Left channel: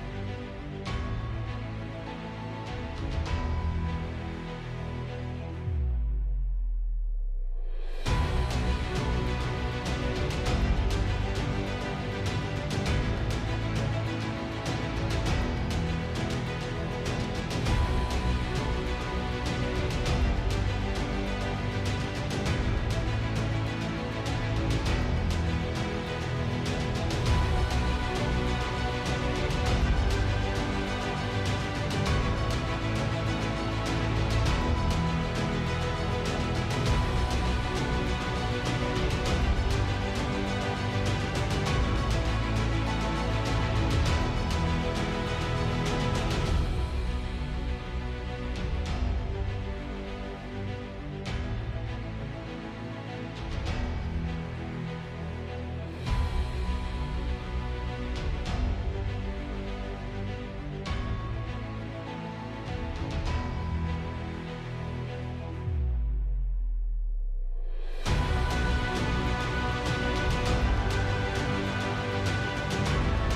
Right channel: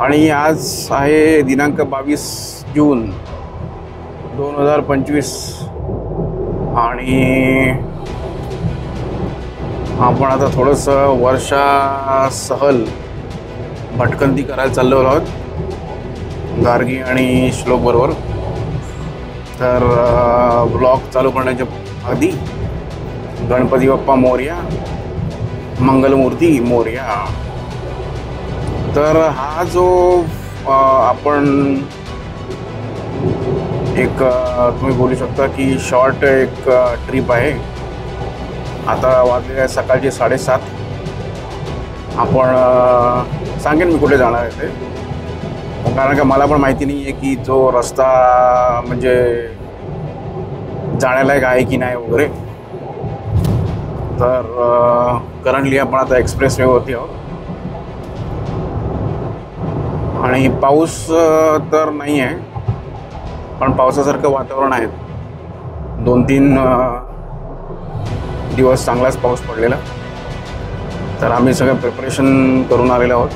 आणि आज आहे दिनांक 22 जून 2025 आणि आपण आता थोडंसं वर्षा सहल भटकंती करायला चाललो आहोत गार्गी आणि श्लोक बरोबर. तर ब्लॉग चालू करण्याच्या आधी गणपती बाप्पा मोरया, मंगलमूर्ती मोरया. तर हा जो आपण एक तुम्ही बोलू शकता की शॉर्ट एक ट्रिप आहे. आता वाजले आहे सकाळचे 7:30. आपण सांगेन मी कुठे जाणार आहे ते, कारण का मला पण माहिती नाही आहे की तो रस्ता म्हणजे जाण्यालायक आहे की नाही वगैरे. तर करंटली आपण आता एक्सप्रेस वेवरती आहोत आणि पाऊस तर नाही आहे, पण पावसासारखं वातावरण आहे. 2-3 दिवस चांगलाच पाऊस पडलेला. तर आम्ही सगळं प्रिपरेशन करून आलेलो आहोत.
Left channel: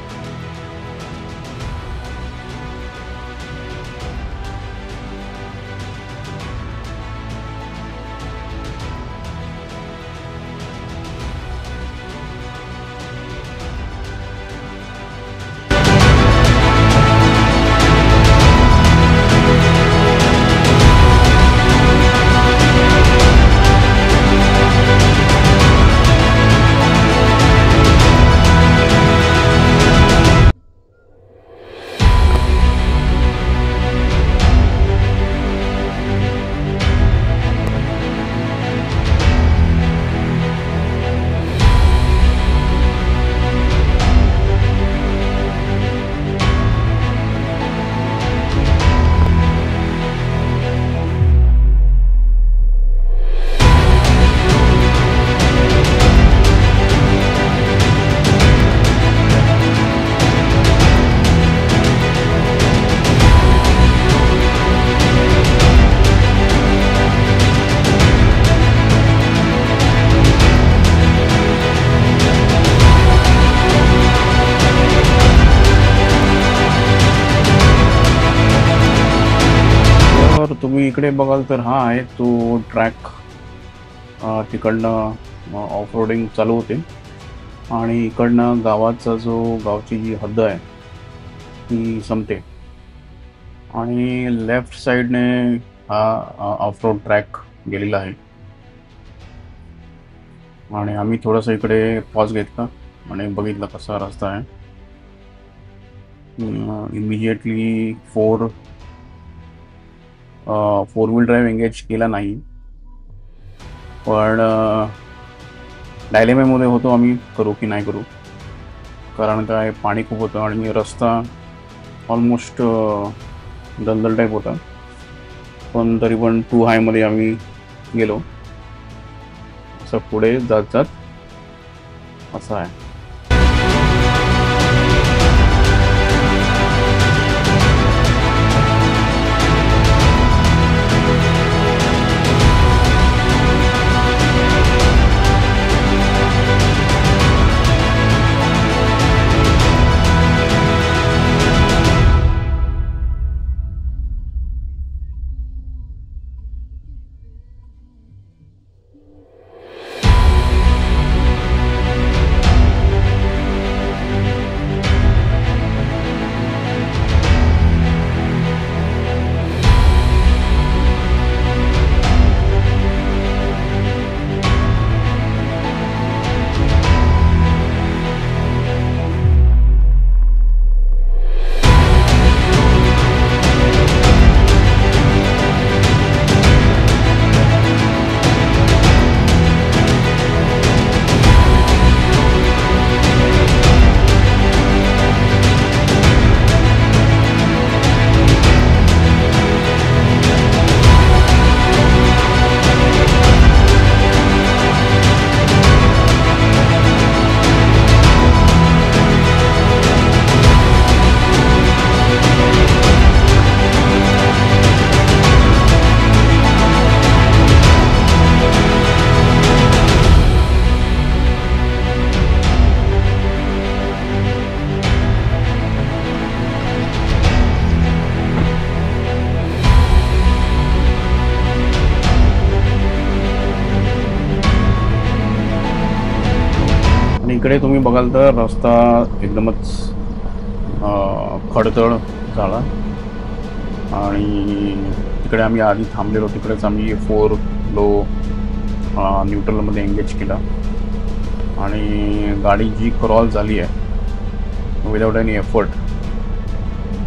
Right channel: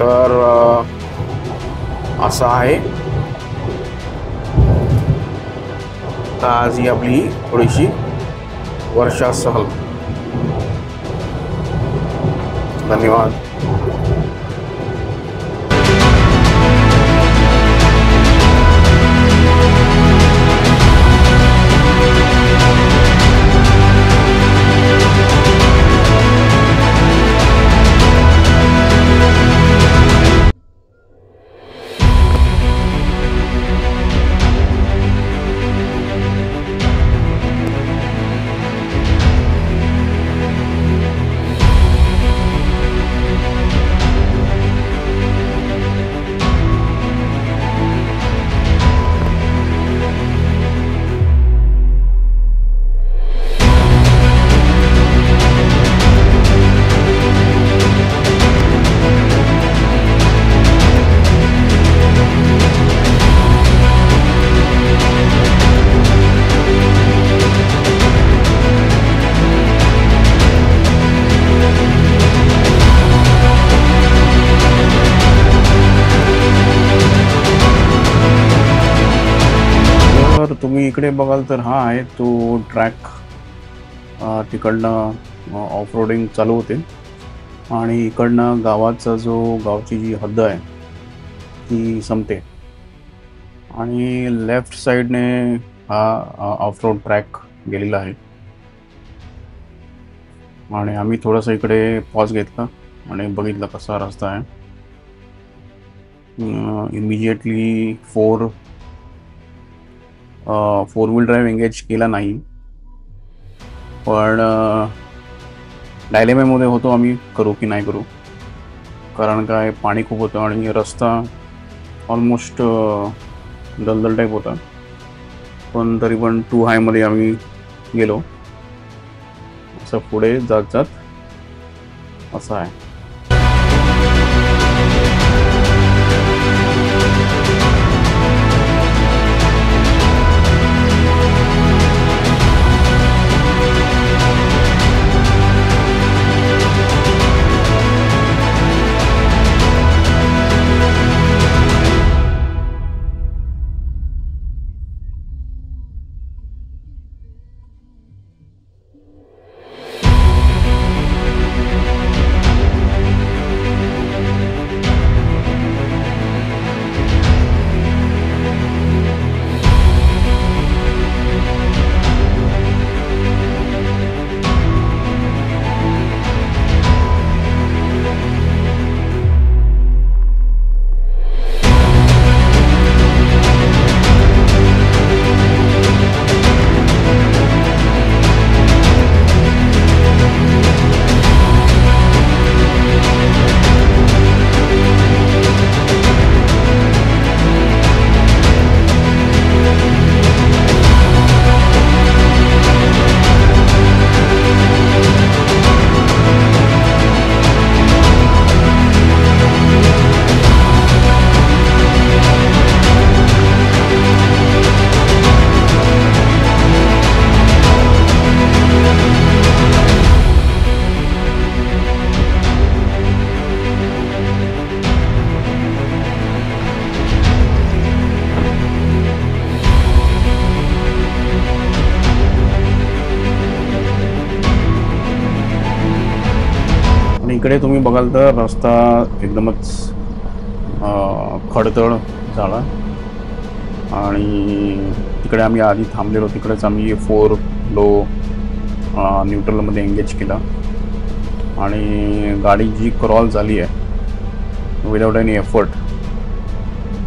तर असं आहे. आज ही आपली थोडीशी वर्षा सहल. धन्यवाद. तर तुम्ही इकडे बघाल तर हा आहे तो ट्रॅक. तिकडनं ऑफ रोडिंग चालू होते आणि इकडनं गावची जी हद्द आहे ती संपते आणि लेफ्ट साईडने हा ऑफ रोड ट्रॅक गेलेला आहे. आणि आम्ही थोडंसं इकडे पॉज घेतला आणि बघितलं कसा रस्ता आहे. Immediately four wheel drive engage केला नाही, पण डायलेमेमध्ये होतो आम्ही करू की नाही करू, कारण काय पाणी खूप होतं आणि रस्ता ऑलमोस्ट दलदल टाईप होता. पण तरी पण टू हायमध्ये आम्ही गेलो. असं पुढे जात असं आहे. इकडे तुम्ही बघाल तर रस्ता एकदमच खडतळ झाला आणि तिकडे आम्ही आधी थांबलेलो, तिकडेच आम्ही 4 लो न्यूट्रलमध्ये एंगेज केला आणि गाडी जी क्रॉल झाली आहे विदाउट एनी एफर्ट,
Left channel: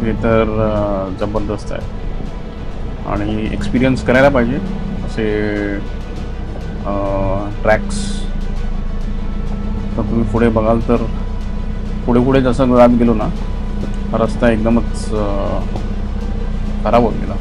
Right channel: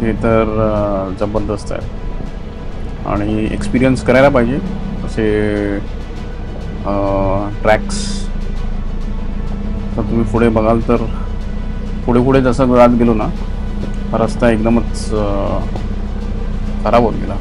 ते तर जबरदस्त आहे आणि एक्सपिरियन्स करायला पाहिजे असे ट्रॅक्स. तर तुम्ही पुढे बघाल तर पुढे जसं जात गेलो ना, रस्ता एकदमच खराब होत गेला.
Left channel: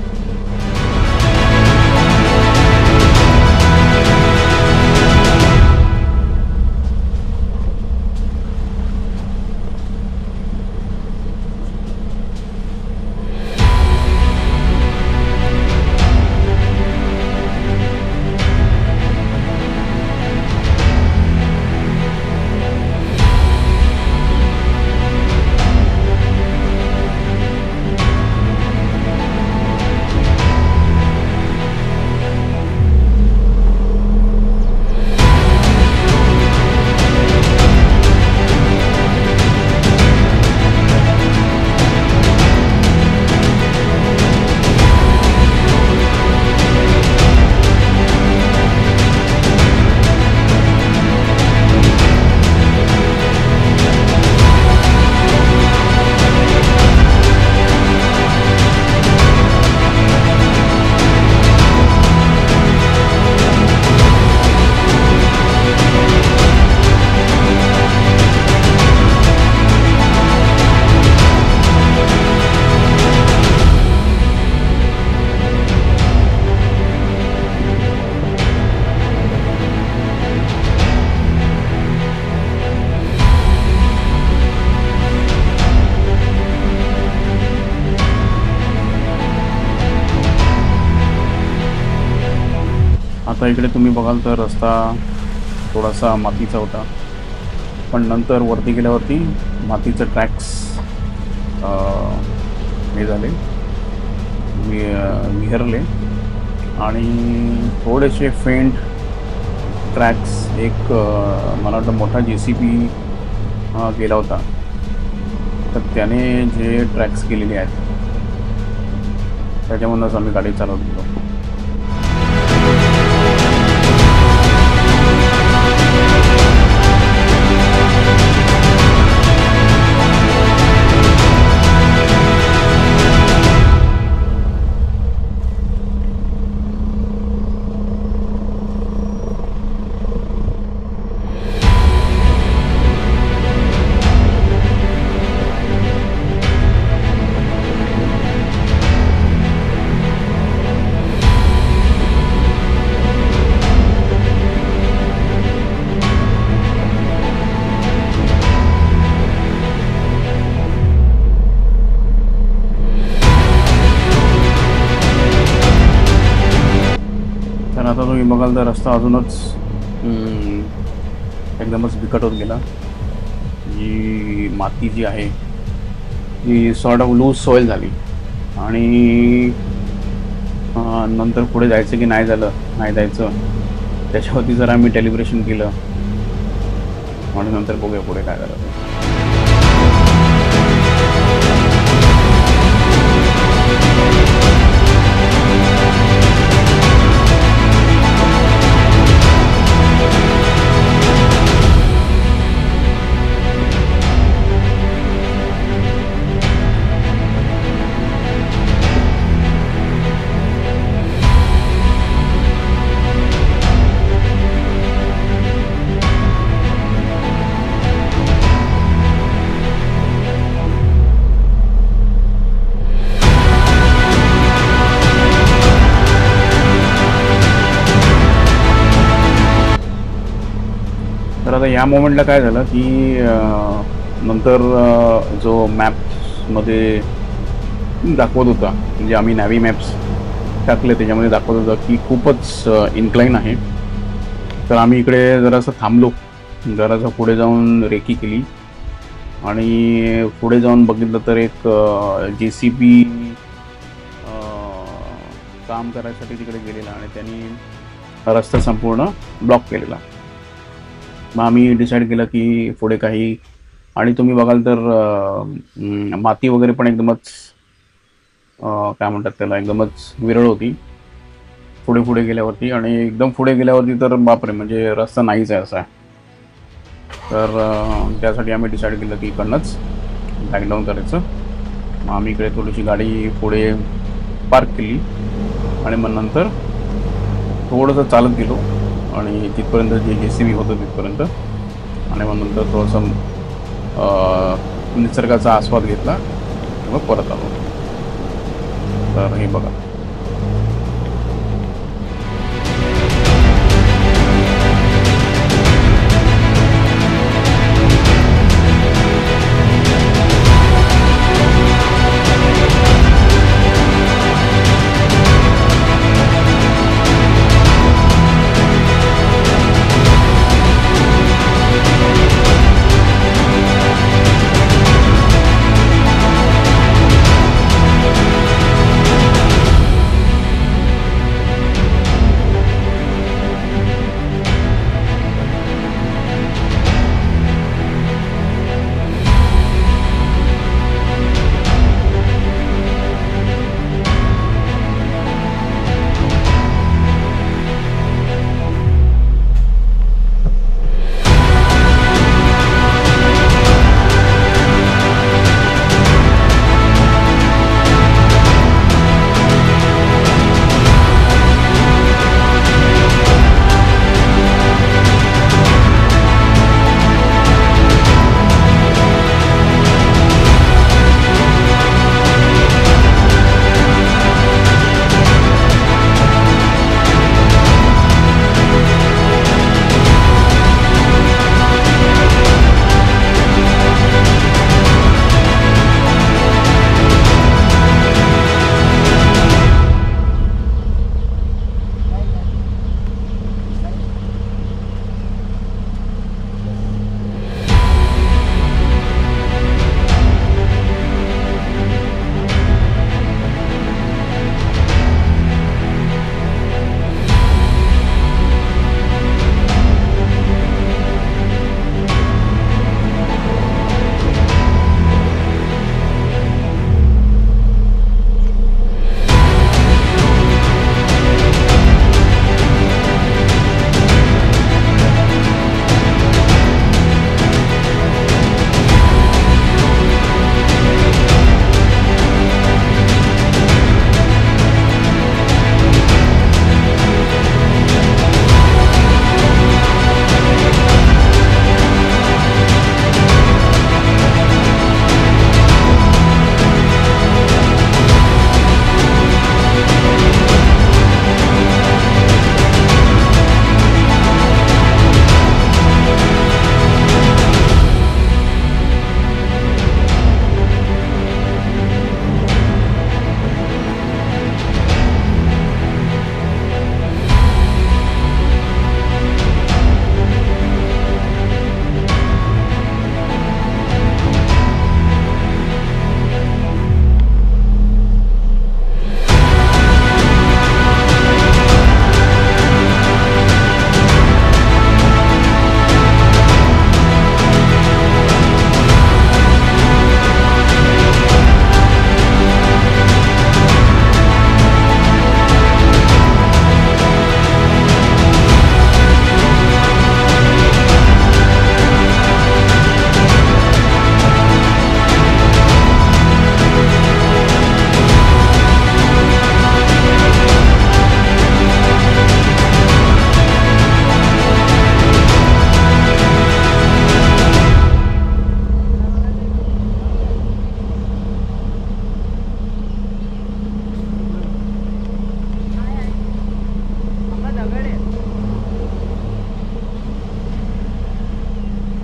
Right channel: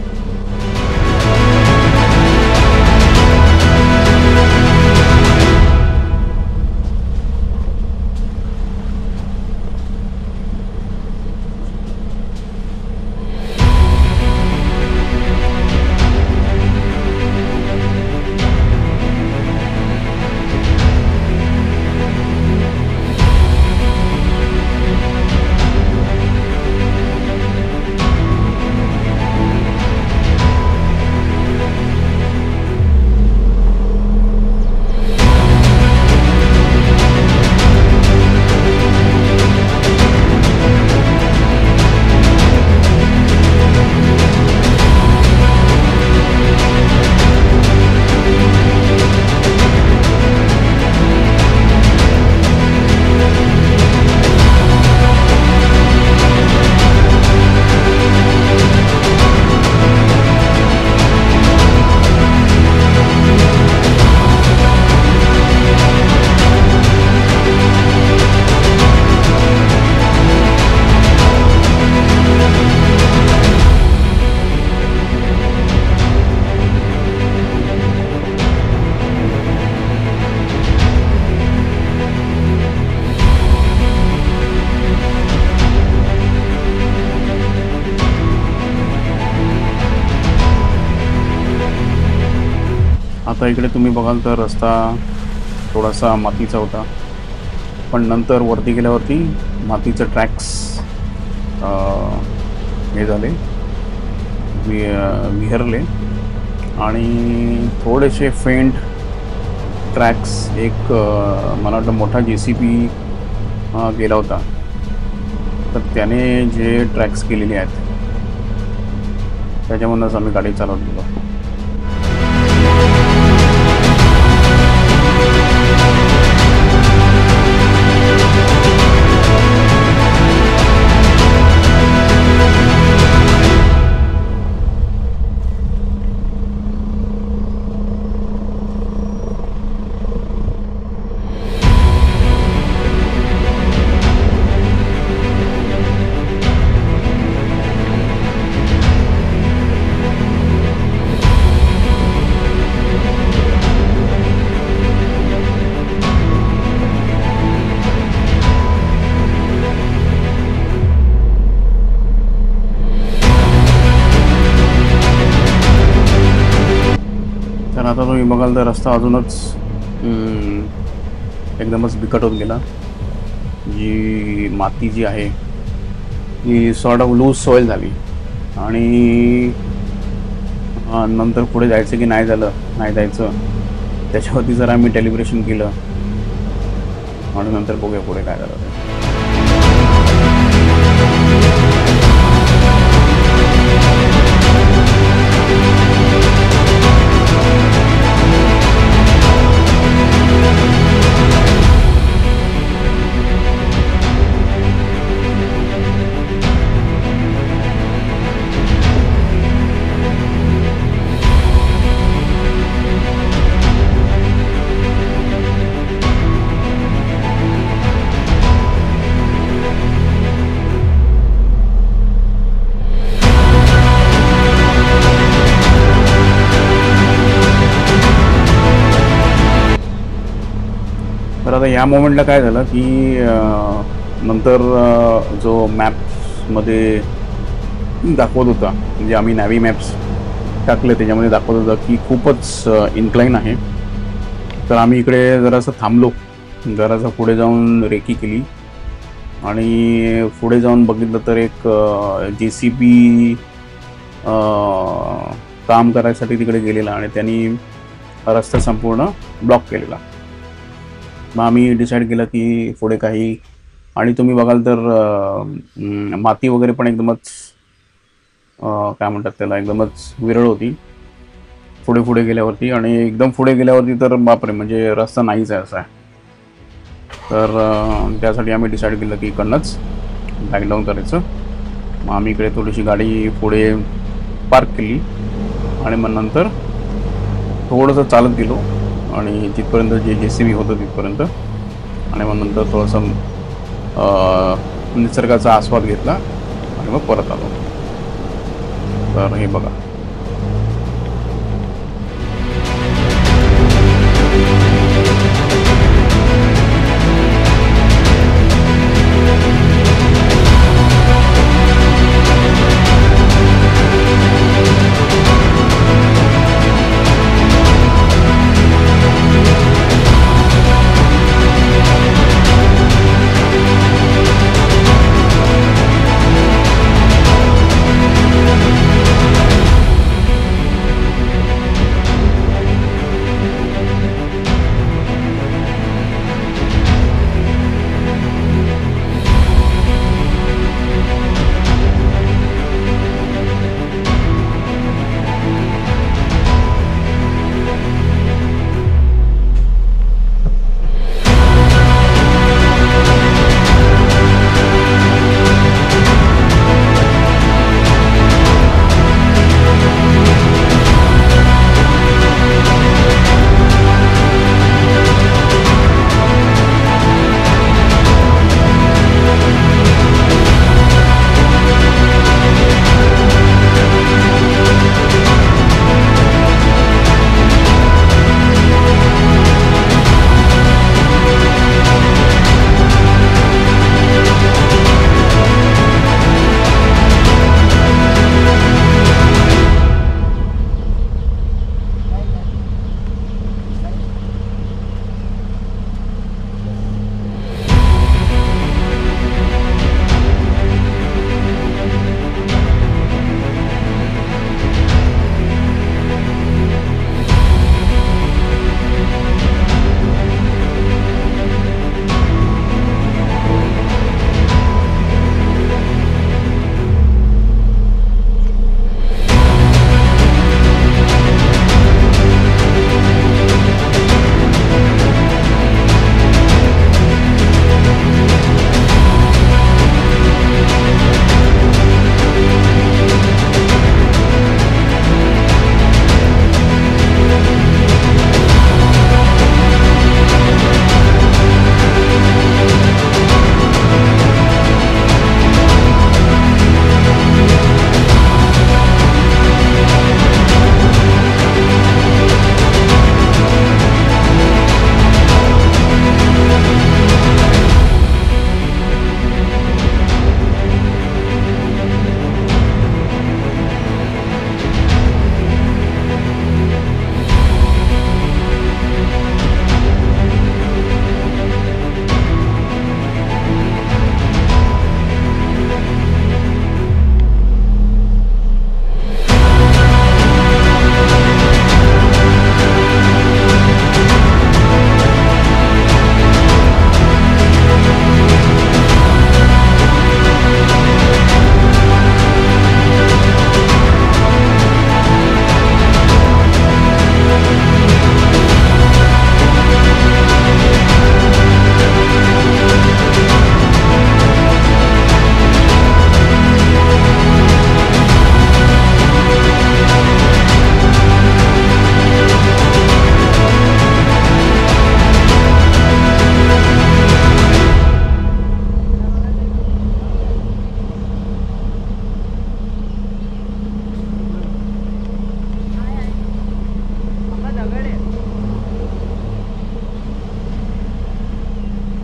आता इकडे तुम्ही बघाल तर रस्ता थोडासा मातीचा होता, पण नंतर वरती गेल्यावरती मातीचे ट्रॅक्स हे झाले, विहरले आणि थोडेसे फेंट ट्रॅक्स. एक मला वाटतं मोठा JCB गेला होता, तर त्याने जे ट्रॅक्स केलेले आहेत त्याच्यामधूनच आम्ही गाडी चालवत गेलो. तर आता तुम्ही बघाल तर रस्ता अजूनच एकदमच बिकट होत गेला. जी माती जी आहे ती सॉर्ट ऑफ लूज सॉईल झाली आणि नंतर पुढे जायचं की नाही जायचं त्याच्यावरती जर आम्ही डेलिब्रेशन केलं आणि नंतर बघूया पुढे काय झालं. तर आता या मोमेंटला काय झालं की नंतर जो मॅप्समध्ये दाखवत होता, म्हणजे आम्ही नॅव्ही मॅप्स टाकले त्याच्यामध्ये दाखवत होता की खूपच इन्क्लाइन आहे. तर आम्ही इकडे जरासं थांबलो, जरासं पुढे जाऊन रेकी केली आणि पुढे जाऊन बघितलं तर एक JCB काम करायसाठी तिकडे गेलेला आणि त्यांनी रस्ता संपूर्ण ब्लॉक केलेला. मग आम्ही डिसाईड केलं की पुढे काही, आणि तुम्ही बघाल तर माती वगैरे पण एकदमच काय म्हणतात त्याला, एकदमच विरळ होती पुढे पुढे गेल्यावरती. आणि एकदम पुढे गेल्यावरती तर बापरे, म्हणजे रस्ता नाहीच आहे असा आहे. तर त्यासाठी आम्ही डिसाईड केलं की इकडनंच बॅक डाऊन करायचं. मग आम्ही इकडे थोडीशी गाडी पुढे पार्क केली आणि मग नंतर थोडंसं चालत गेलो आणि तिथपर्यंत जे JCB होतं तिथपर्यंत, आणि मग नंतर थोडंसं निसर्गाचा आस्वाद घेतला आणि मग परत आलो. तर हे बघा.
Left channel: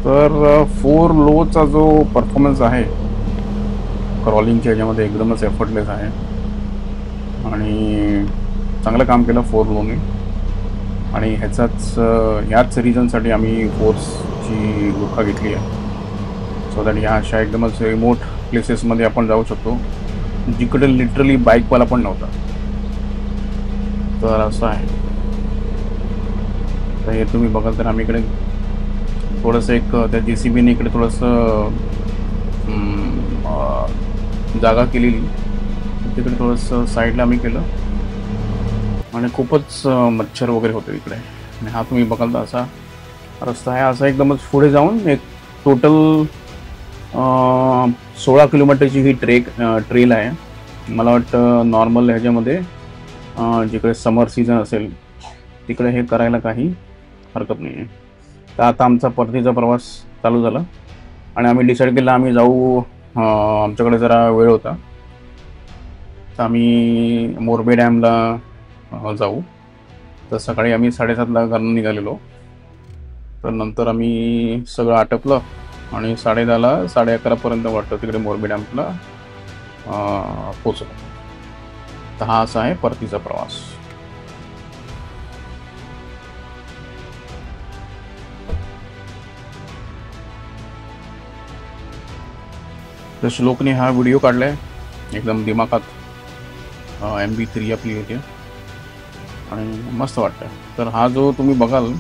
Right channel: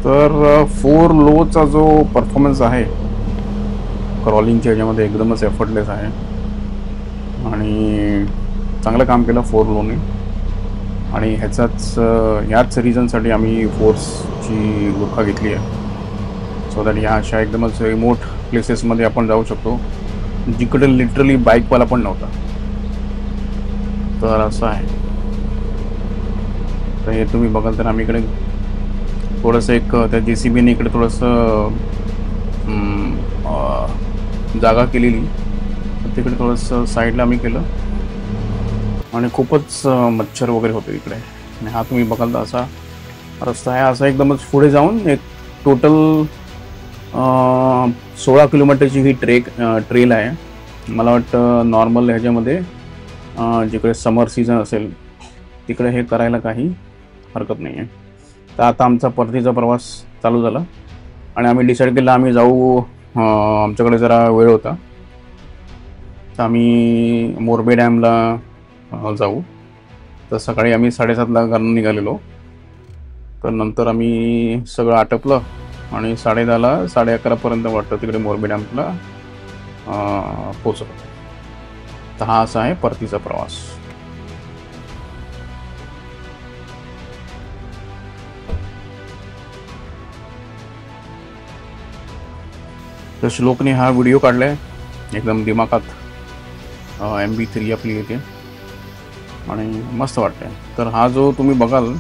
तर 4 लोचा जो परफॉर्मन्स आहे क्रॉलिंगच्या ह्याच्यामध्ये एकदमच एफर्टलेस आहे आणि चांगलं काम केलं 4 लोने. आणि ह्याच रिझनसाठी आम्ही फोर्सची लुका घेतली आहे, सो दॅट ह्या अशा एकदमच रिमोट प्लेसेसमध्ये आपण जाऊ शकतो जिकडे लिटरली बाईकवाला पण नव्हता. तर असं आहे. तर हे तुम्ही बघाल तर आम्ही इकडे थोडंसं एक त्या JCBने इकडे थोडंसं जागा केलेली, तिकडे थोडंसं साईडला आम्ही केलं आणि खूपच मच्छर वगैरे होते इकडे. आणि हा तुम्ही बघाल तर असा रस्ता आहे, असा एकदमच पुढे जाऊन एक टोटल 16 किलोमीटरची ही ट्रेल आहे. मला वाटतं नॉर्मल ह्याच्यामध्ये जिकडे समर सीझन असेल तिकडे हे करायला काही हरकत नाही आहे. तर आता आमचा परतीचा प्रवास चालू झाला आणि आम्ही डिसाईड केलं आम्ही जाऊ, आमच्याकडे जरा वेळ होता तर आम्ही मोरबे डॅमला जाऊ. तर सकाळी आम्ही 7:30ला घरून निघालेलो, तर नंतर आम्ही सगळं आटपलं आणि 10:30ला 11:30पर्यंत वाटतं तिकडे मोरबे डॅमला पोचलो. तर हा असा आहे परतीचा प्रवास. तर श्लोकने हा व्हिडिओ काढलाय एकदम दिमाखात, MB3 आपली येते आणि मस्त वाटतंय. तर हा जो तुम्ही बघाल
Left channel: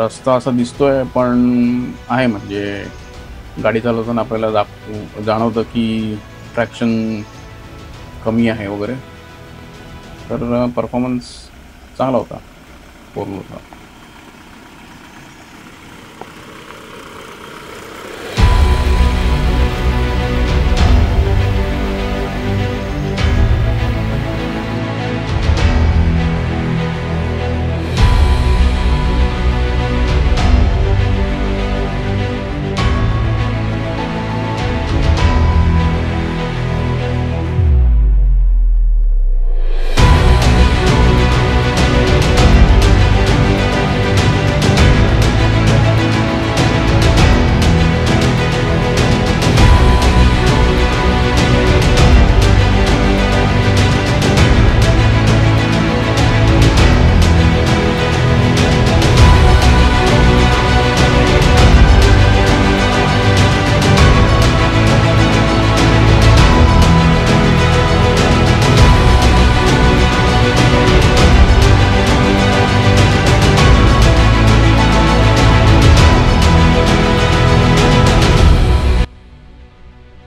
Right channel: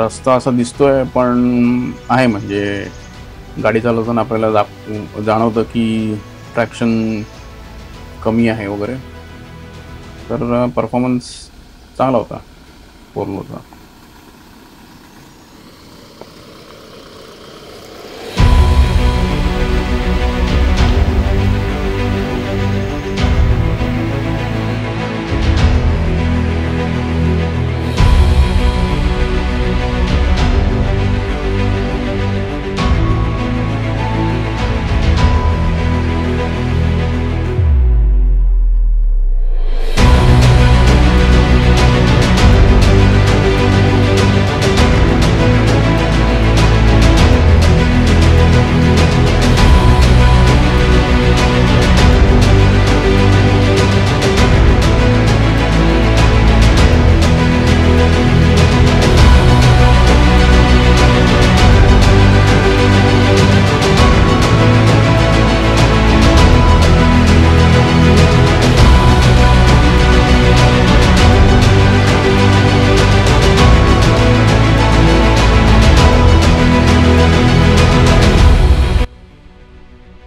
रस्ता असा दिसतोय पण आहे, म्हणजे गाडी चालवताना आपल्याला जाणवतं की ट्रॅक्शन कमी आहे वगैरे. तर परफॉर्मन्स चांगला होता, पूर्ण होता.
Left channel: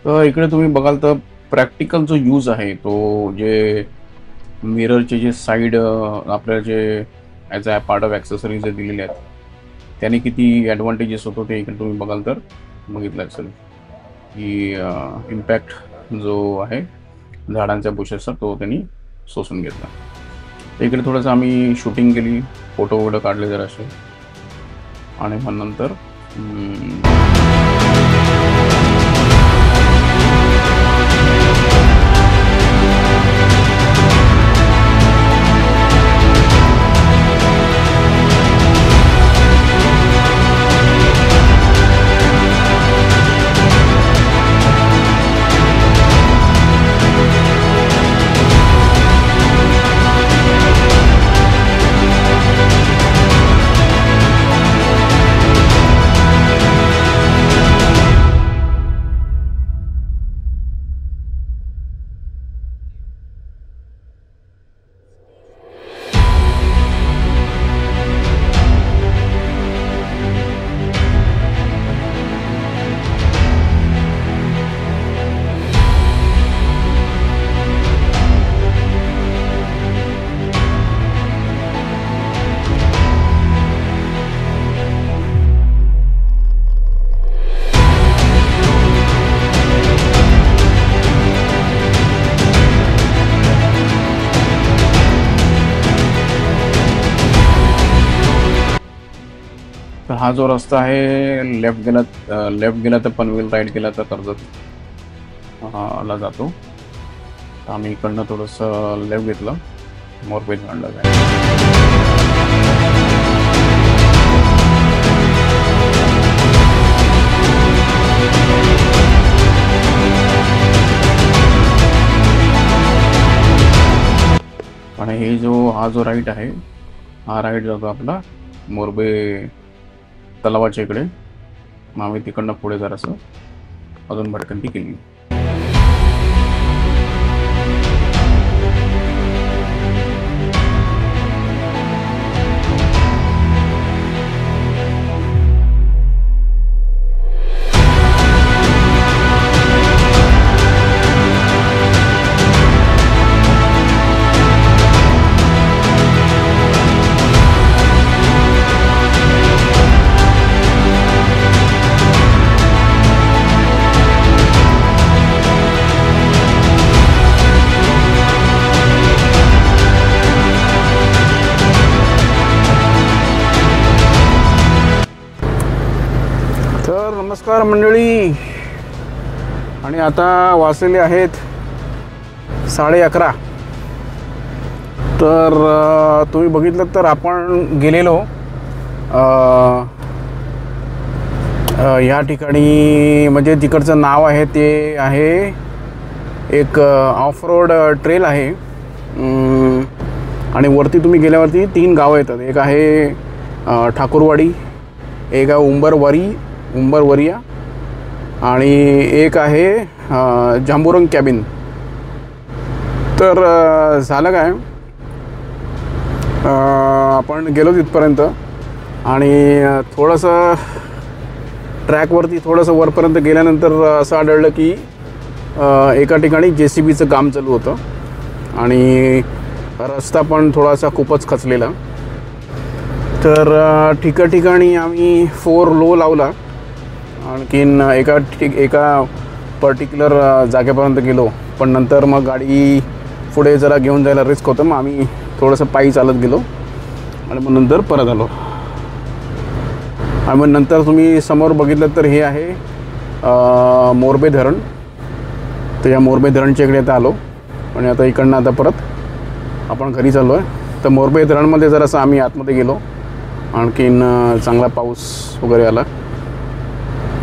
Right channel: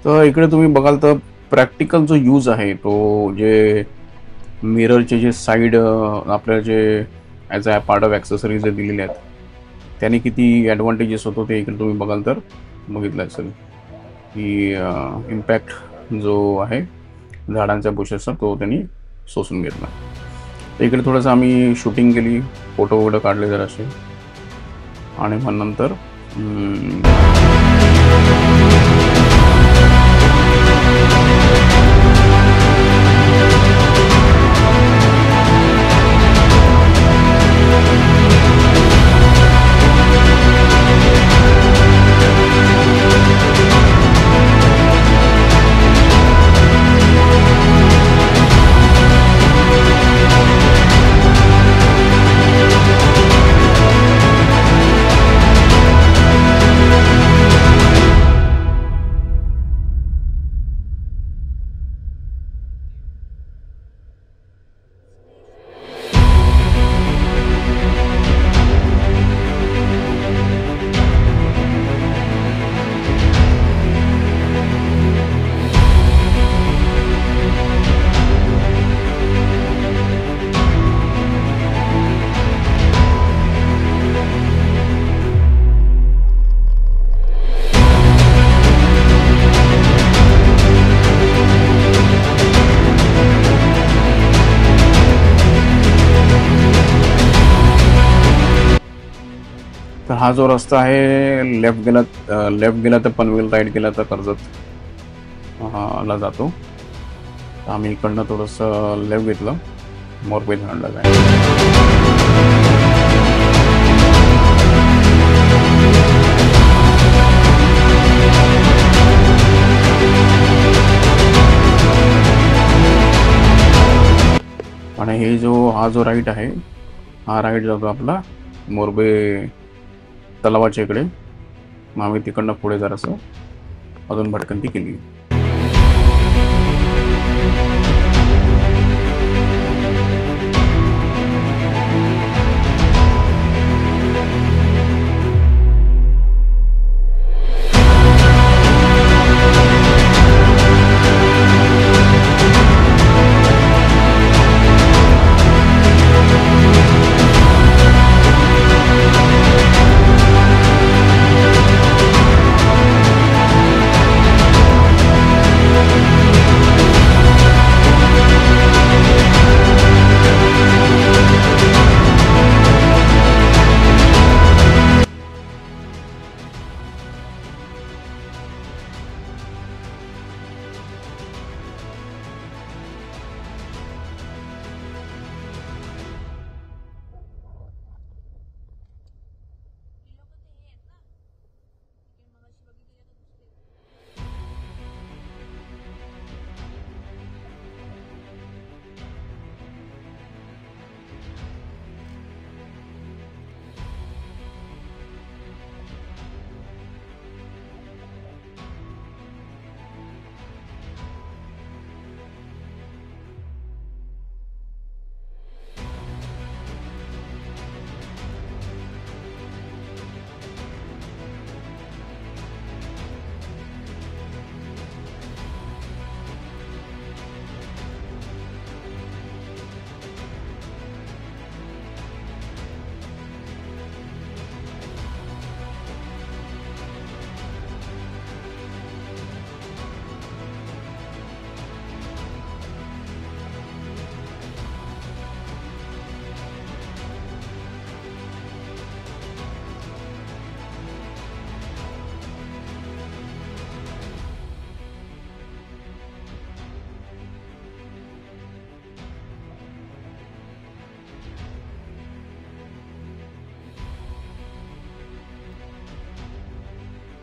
तर इकडे तुम्ही बघाल तर प्रॅक्टिकल जो यूज आहे तो, जे मिररचे जे साईड आपल्या जे as a part of accessories जे दिलेले आहेत त्याने किती ॲडव्हान्टेजेस होतो ते इकडे तुम्ही बघाल तर बघितलं असेल की इम्पॅक्ट जो आहे झाडांच्या बुशेसचा तो त्यांनी शोषून घेतला. इकडे थोडंसं आम्ही शूटिंग केली, फोटो वगैरे काढले जरासे आणि मग नंतर तर हा जो रस्ता आहे लेफ्ट गेला तर पनवेल, राईट गेला तर कर्जत ला जातो. तर आम्ही इकडनं थोडंसं लेफ्ट घेतलं, मोरबे धरणला जायचं. आणि हा जो राईट आहे, हा राईट जातो आपला मोरबे तलावाच्या इकडे. मग आम्ही तिकडनं पुढे जरासं अजून भटकंती केली. आणि आता वाजलेले आहेत 11:30. तर तुम्ही बघितलं तर आपण गेलेलो या ठिकाणी, म्हणजे तिकडचं नाव आहे ते आहे एक ऑफ रोड ट्रेल आहे. आणि वरती तुम्ही गेल्यावरती 3 गावं येतात. एक आहे ठाकूरवाडी, एक आहे उंबरवरिया आणि एक आहे जांबुरंग कॅबिन. तर झालं काय, आपण गेलो तिथपर्यंत आणि थोडंसं ट्रॅकवरती थोडंसं वरपर्यंत गेल्यानंतर असं आढळलं की एका ठिकाणी JCBचं काम चालू होतं आणि रस्ता पण थोडासा खूपच खचलेला. तर ठिकाणी आम्ही 4 लो लावला. आणखीन एका पर्टिक्युलर जागेपर्यंत गेलो, पण नंतर मग गाडी पुढे जरा घेऊन जायला रिस्क होतं. मग आम्ही थोडंसं पायी चालत गेलो आणि मग नंतर परत आलो. आणि मग नंतर तुम्ही समोर बघितलं तर हे आहे मोरबे धरण. तर या मोरबे धरणच्या इकडे आता आलो आणि आता इकडनं आता परत आपण घरी चाललो आहे. तर मोरबे धरणमध्ये जरासं आम्ही आतमध्ये गेलो, आणखीन चांगला पाऊस वगैरे आला.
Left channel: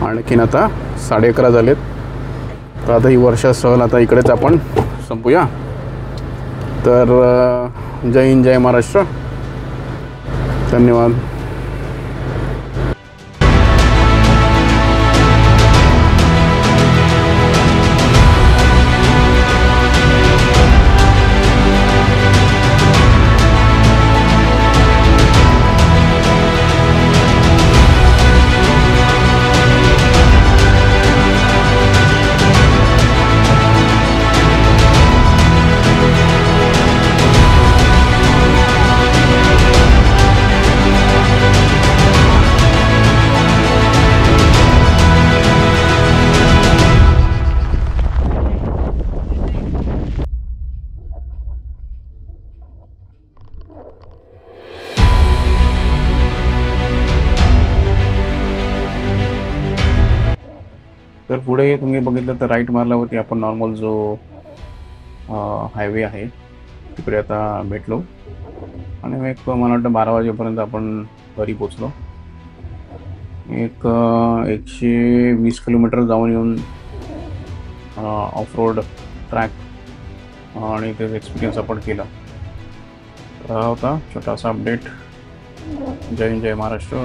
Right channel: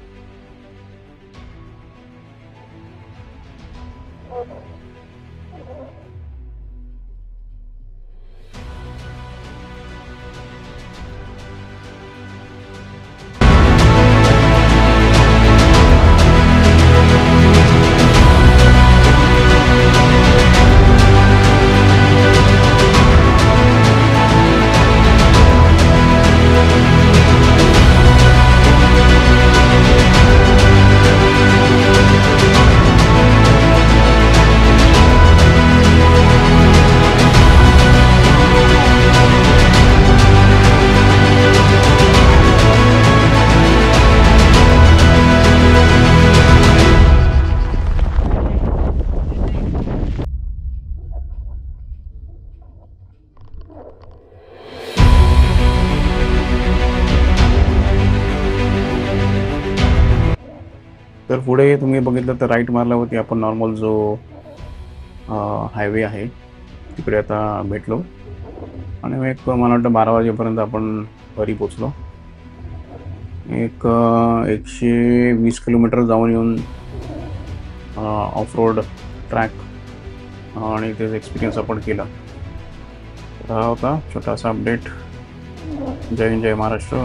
आणखीन आता 11:30 झालेत. तर आता ही वर्षा सहल आता इकडेच आपण संपूया. तर जय हिंद, जय महाराष्ट्र, धन्यवाद. तर पुढे तुम्ही बघितलं तर राईट मारल्यावरती आपण नॉर्मल जो हायवे आहे तिकडे आता भेटलो. आणि एक मला वाटतं 12 वाजेपर्यंत आपण घरी पोचलो. एक 120 किलोमीटर जाऊन येऊन ऑफ रोड ट्रॅक आणि त्याचा एक्सपिरियन्स आपण केला. तर हा होता छोटासा अपडेट. जय हिंद, जय महाराष्ट्र.